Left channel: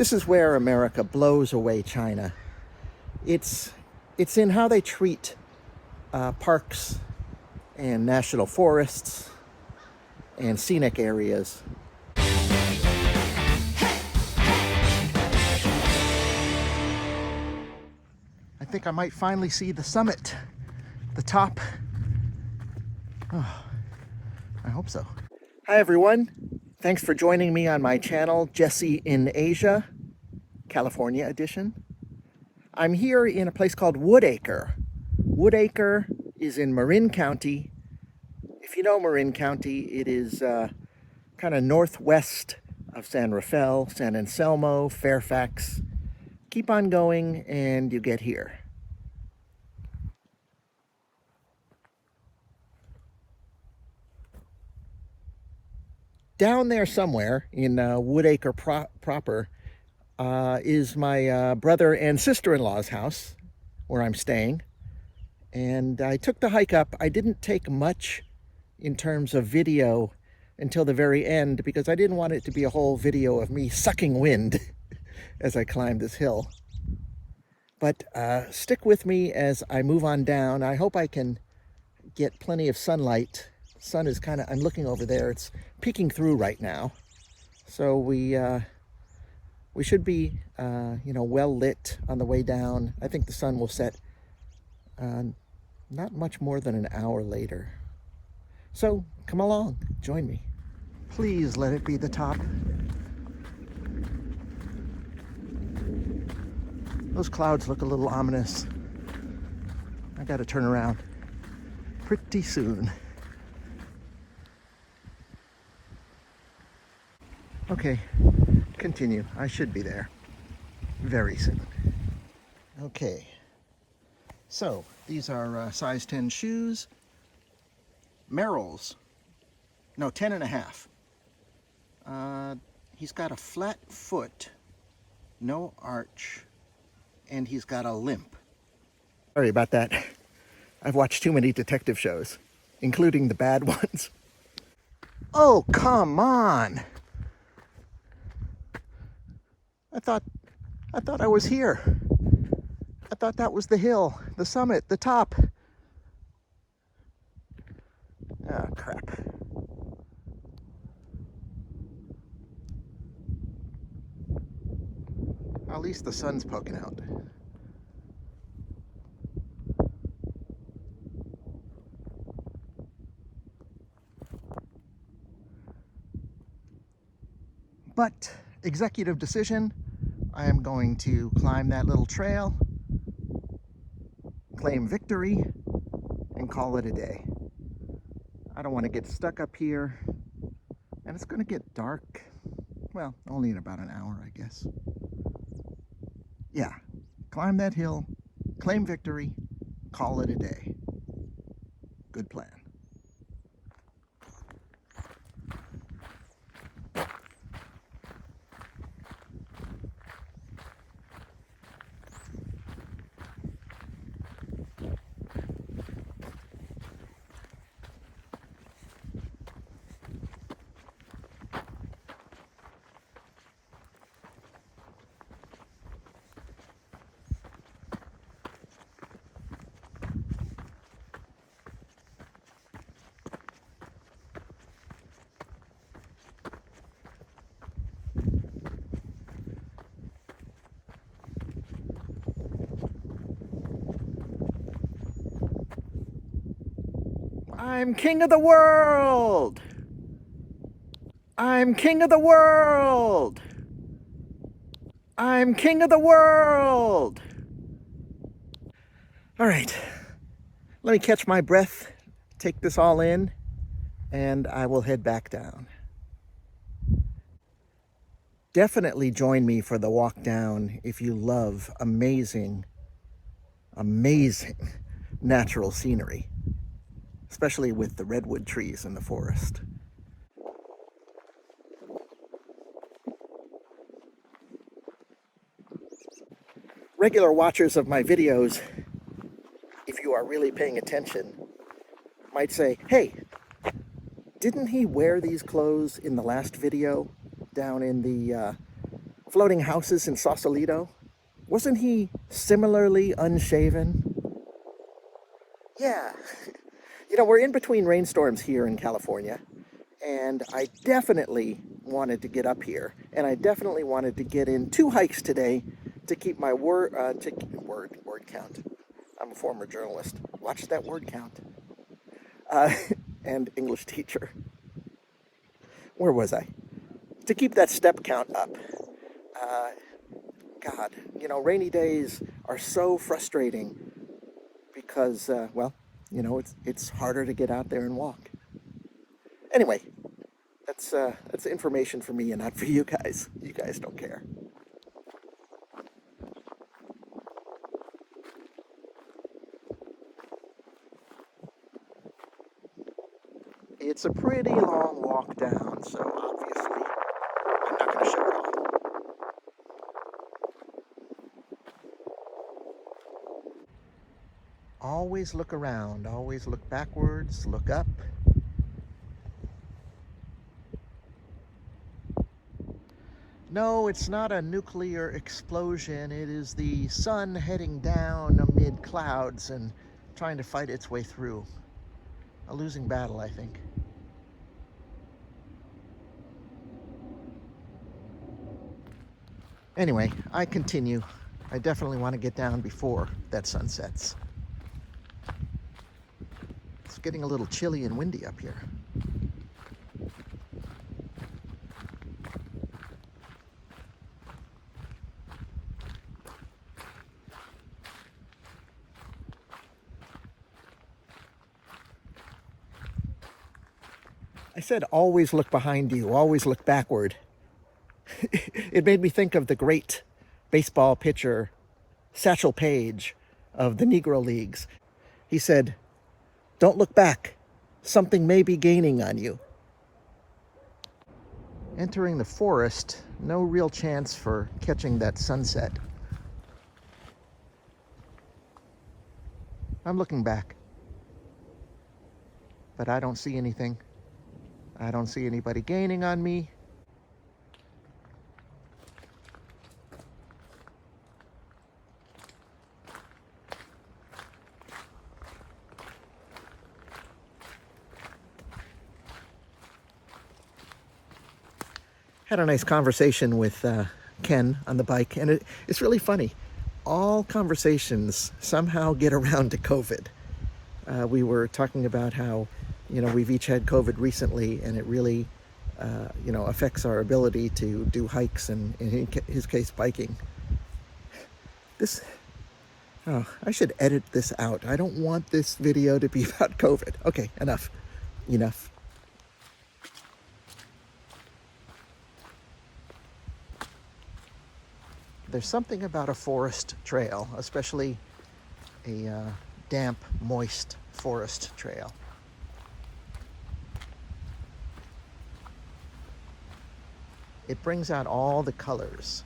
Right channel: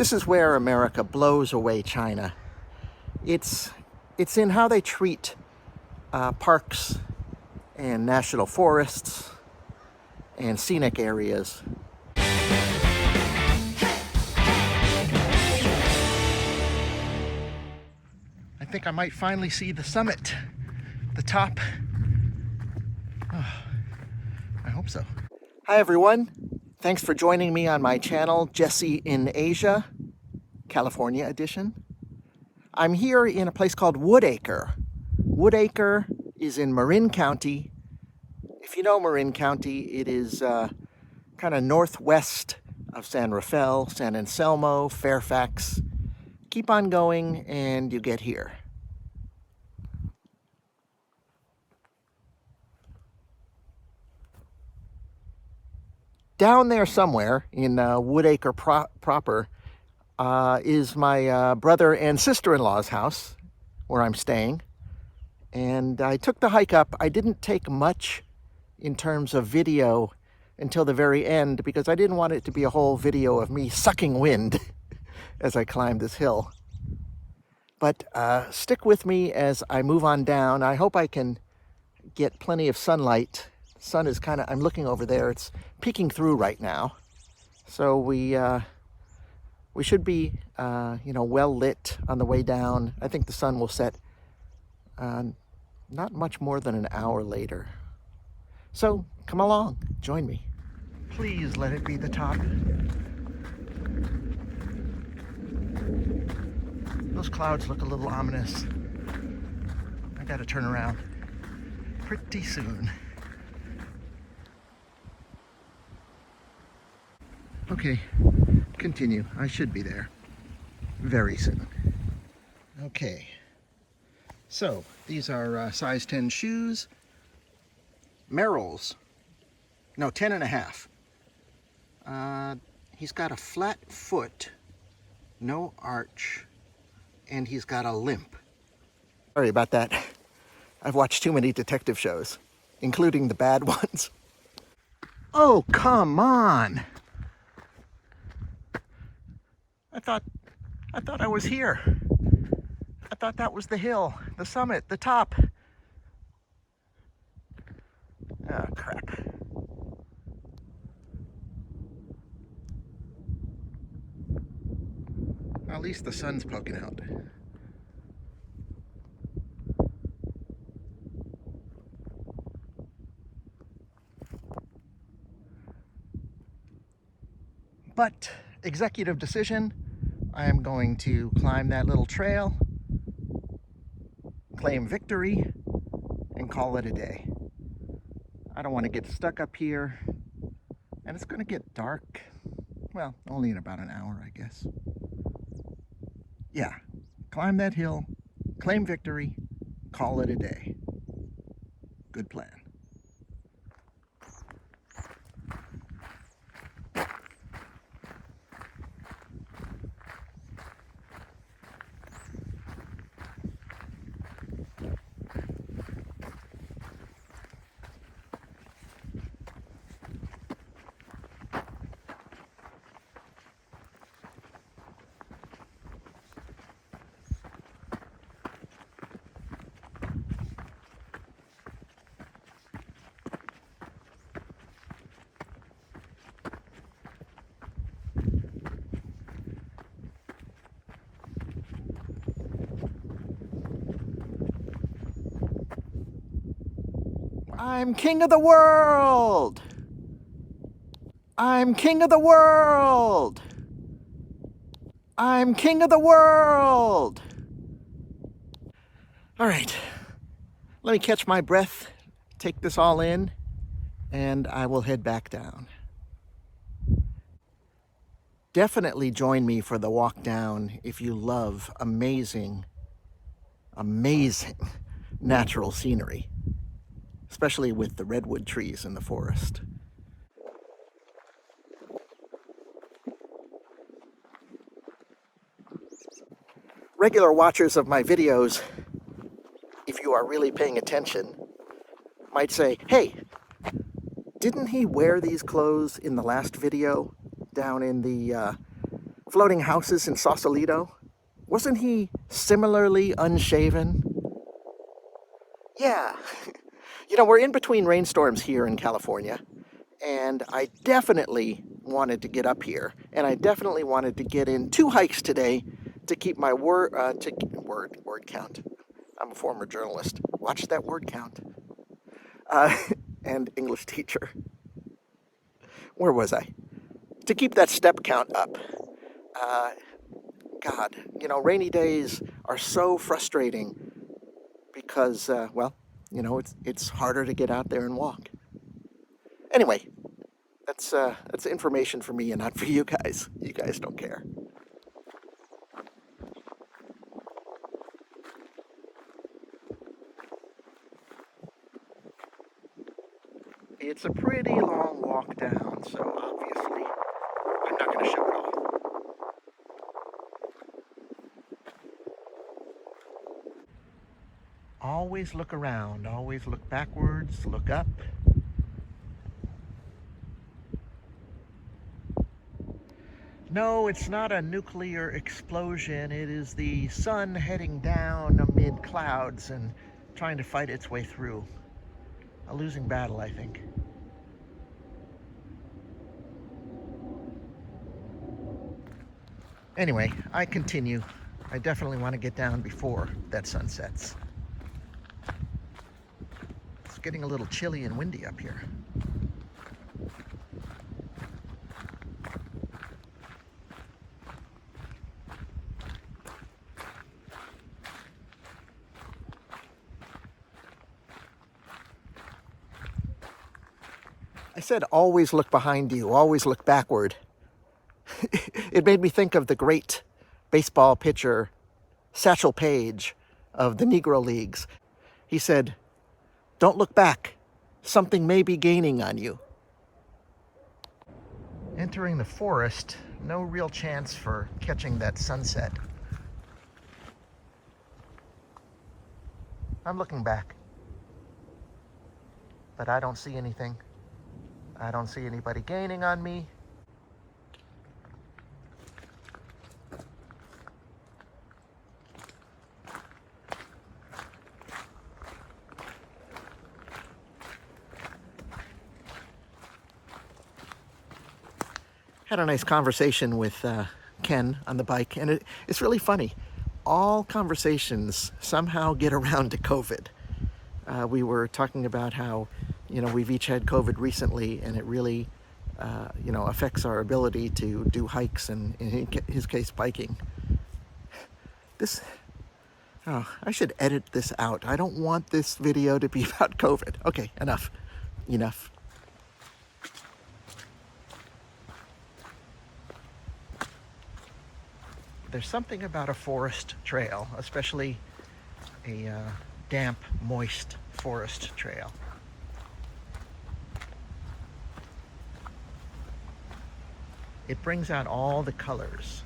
This is where America blows away China. It's in how they treat parks and national forests and scenic areas. I think I might finally see the summit, the top. Oh, I hope so. Hi everyone. Thanks for joining me on my channel, Jesse in Asia, California edition. I'm here in a place called Woodacre. Woodacre is in Marin County. If you know Marin County, it is kind of northwest of San Rafael, San Anselmo, Fairfax. Keep on going and you get here. Down there somewhere in Woodacre proper is my brother and sister-in-law's house where I'm staying. And I took the hike up. I didn't take much in terms of video until the very end because I didn't want it to be a whole video of me sucking wind as I climbed this hill. But stick with me as I move on down. I hope I can get plenty of sunlight. The sun is kind of, I'm looking over there, it's peeking through right now. So we should be, well lit on the way down. I think the sun will set not much more than an hour later. So come along, join me. Please let it be the top. Those clouds look a little ominous. I gotta turn around pretty soon. Okay, continue. I should be there very soon. Okay, so these are size 10 shoes. Merrell's. No, 10 and a half. He's got a flat foot, no arch, and he's got a limp. Sorry about that. I've watched too many detective shows, including the bad ones. Oh, come on. I thought I was here. I thought that was the hill, the summit, the top. Oh, crap. At least the sun's poking out. But executive decision, I am going to climb that little trail, claim victory, and call it a day. I don't want to get stuck up here, and it's going to get dark. Well, only in about an hour, I guess. Yeah, climb that hill, claim victory, call it a day. Good plan. I'm king of the world! I'm king of the world! I'm king of the world! All right, let me catch my breath, take this all in, and I will head back down. Definitely join me for the walk down if you love amazing, amazing natural scenery, especially with the redwood trees in the forest. Regular watchers of my videos, if you are really paying attention, might say, hey, didn't he wear these clothes in the last video down in the floating houses in Sausalito? Wasn't he similarly unshaven? Yeah. You know, we're in between rainstorms here in California, and I definitely wanted to get up here, and I definitely wanted to get in 2 hikes today to keep my word count. I'm a former journalist. Watch that word count. Uh, and English teacher. Where was I? To keep that step count up. Uh, God, you know, rainy days are so frustrating because, well, you know, it's harder to get out there and walk. Anyway, that's information for me and not for you guys. You guys don't care. It's a pretty long walk down, so obviously I'm not going to show it all. Always look around, always look backwards, look up. No, it's not a nuclear explosion. It is the sun heading down amid clouds and trying to fight its way through. A losing battle, I think. Anyway, I continue. I definitely want to get down before that sun sets. It's getting a little chilly and windy up here. I said always look behind you, always look backward. It made me think of the great baseball pitcher Satchel Paige of the Negro Leagues. He said, "Don't look back. Something may be gaining on you." Entering the forest, no real chance for catching that sunset. I'm looking back, but I don't see anything. I don't see anybody gaining on me. Had a nice conversation with Ken on the bike, and it's really funny. All conversations somehow get around to COVID. We were talking about how, you know, we've each had COVID recently, and it really, you know, affects our ability to do hikes and, in his case, biking. Oh, I should edit this out. I don't want this video to be about COVID. Okay, enough. There's something about a forest trail, especially a damp, moist forest trail. It brings out all the colors.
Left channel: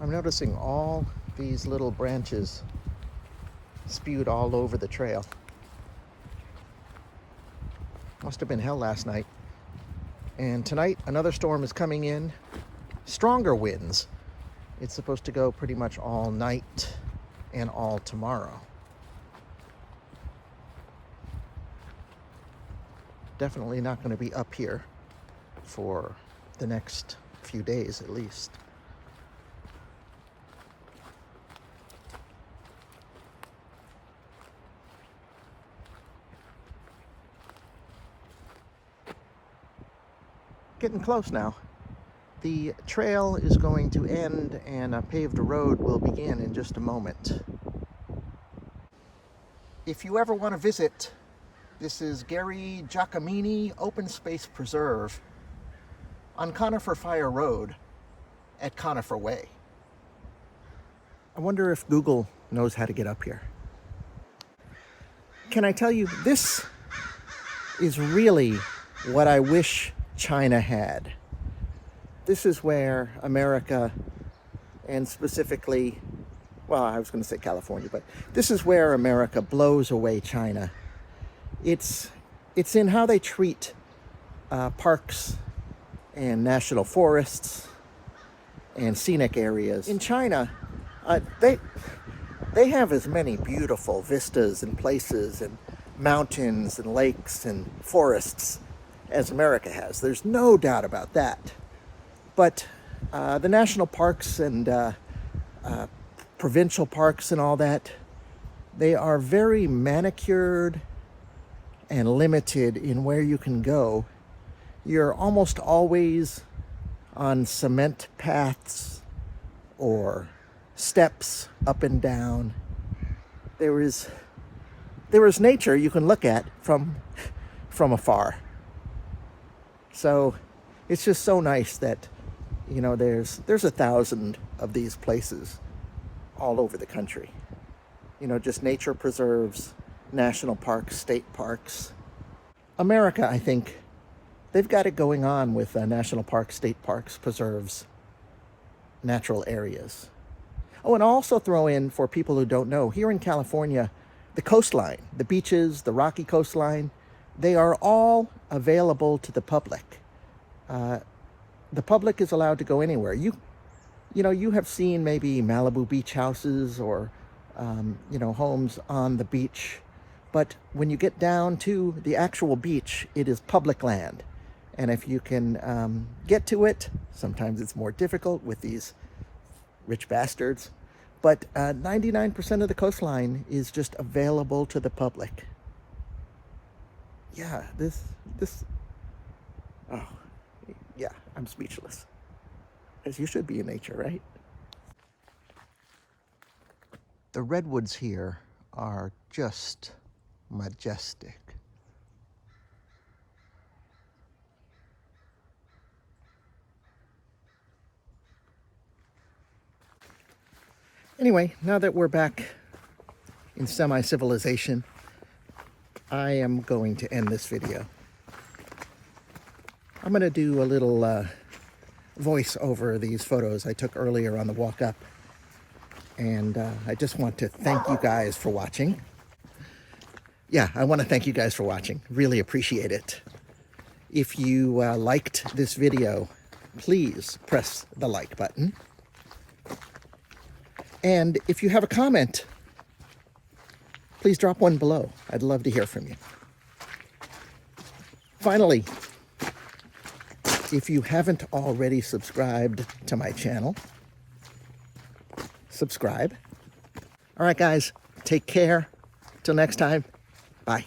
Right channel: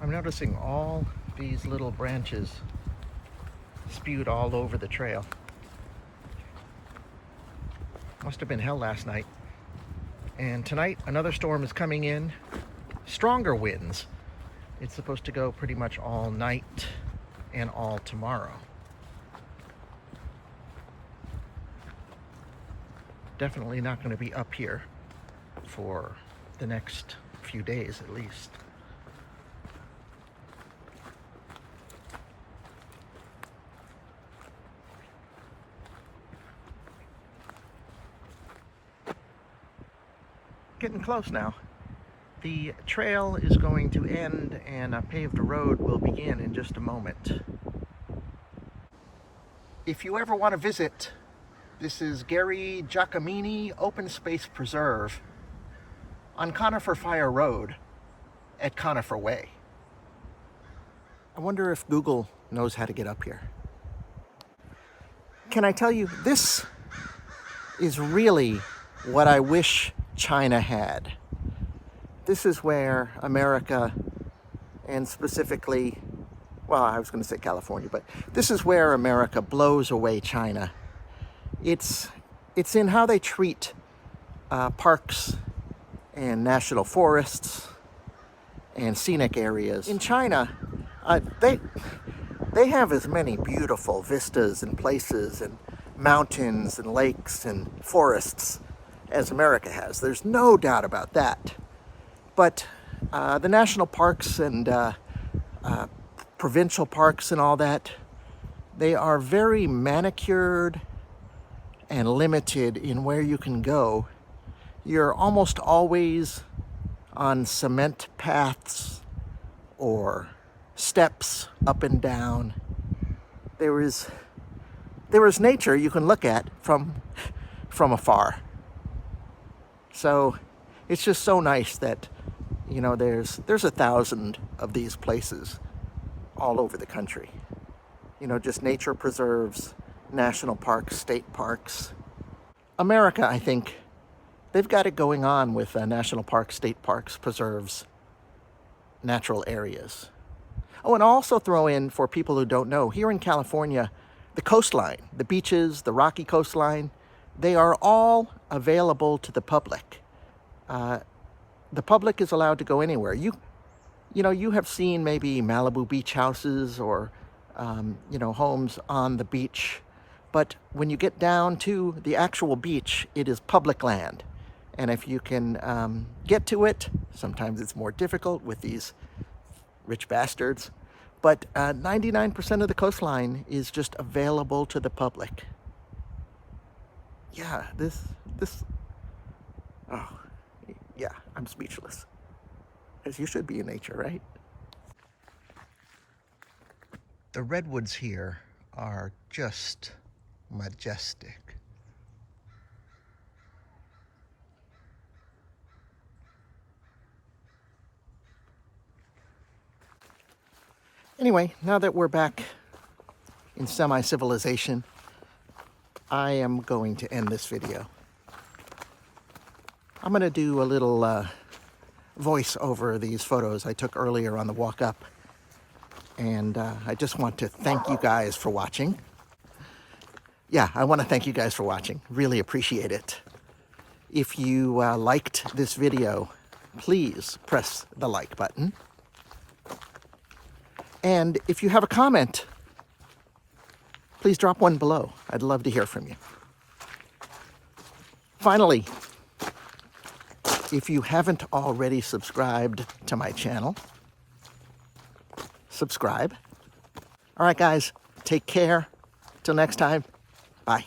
I'm noticing all these little branches spewed all over the trail. Must have been hell last night. And tonight, another storm is coming in. Stronger winds. It's supposed to go pretty much all night and all tomorrow. Definitely not going to be up here for the next few days at least. Getting close now. The trail is going to end and a paved road will begin in just a moment. If you ever want to visit, this is Gary Giacomini Open Space Preserve on Conifer Fire Road at Conifer Way. I wonder if Google knows how to get up here. Can I tell you, this is really what I wish China had. This is where America, and specifically, well, I was going to say California, but this is where America blows away China. It's in how they treat parks and national forests and scenic areas. In China, they have as many beautiful vistas and places and mountains and lakes and forests as America has. There's no doubt about that. But the national parks and provincial parks and all that, they are very manicured and limited in where you can go. You're almost always on cement paths or steps up and down. There is nature you can look at from afar. So it's just so nice that, you know, there's 1,000 of these places all over the country. You know, just nature preserves, national parks, state parks. America, I think, they've got it going on with national parks, state parks, preserves, natural areas. Oh, and I'll also throw in, for people who don't know, here in California, the coastline, the beaches, the rocky coastline, they are all available to the public. The public is allowed to go anywhere. You know, you have seen maybe Malibu beach houses or, you know, homes on the beach. But when you get down to the actual beach, it is public land. And if you can get to it, sometimes it's more difficult with these rich bastards. But 99% of the coastline is just available to the public. Yeah, oh, yeah, I'm speechless. As you should be in nature, right? The redwoods here are just majestic. Anyway, now that we're back in semi-civilization, I am going to end this video. I'm going to do a little voice over these photos I took earlier on the walk up. And I just want to thank you guys for watching. Yeah, I want to thank you guys for watching. Really appreciate it. If you liked this video, please press the like button. And if you have a comment, please drop one below. I'd love to hear from you. Finally, if you haven't already subscribed to my channel, subscribe. All right, guys, take care. Till next time, bye.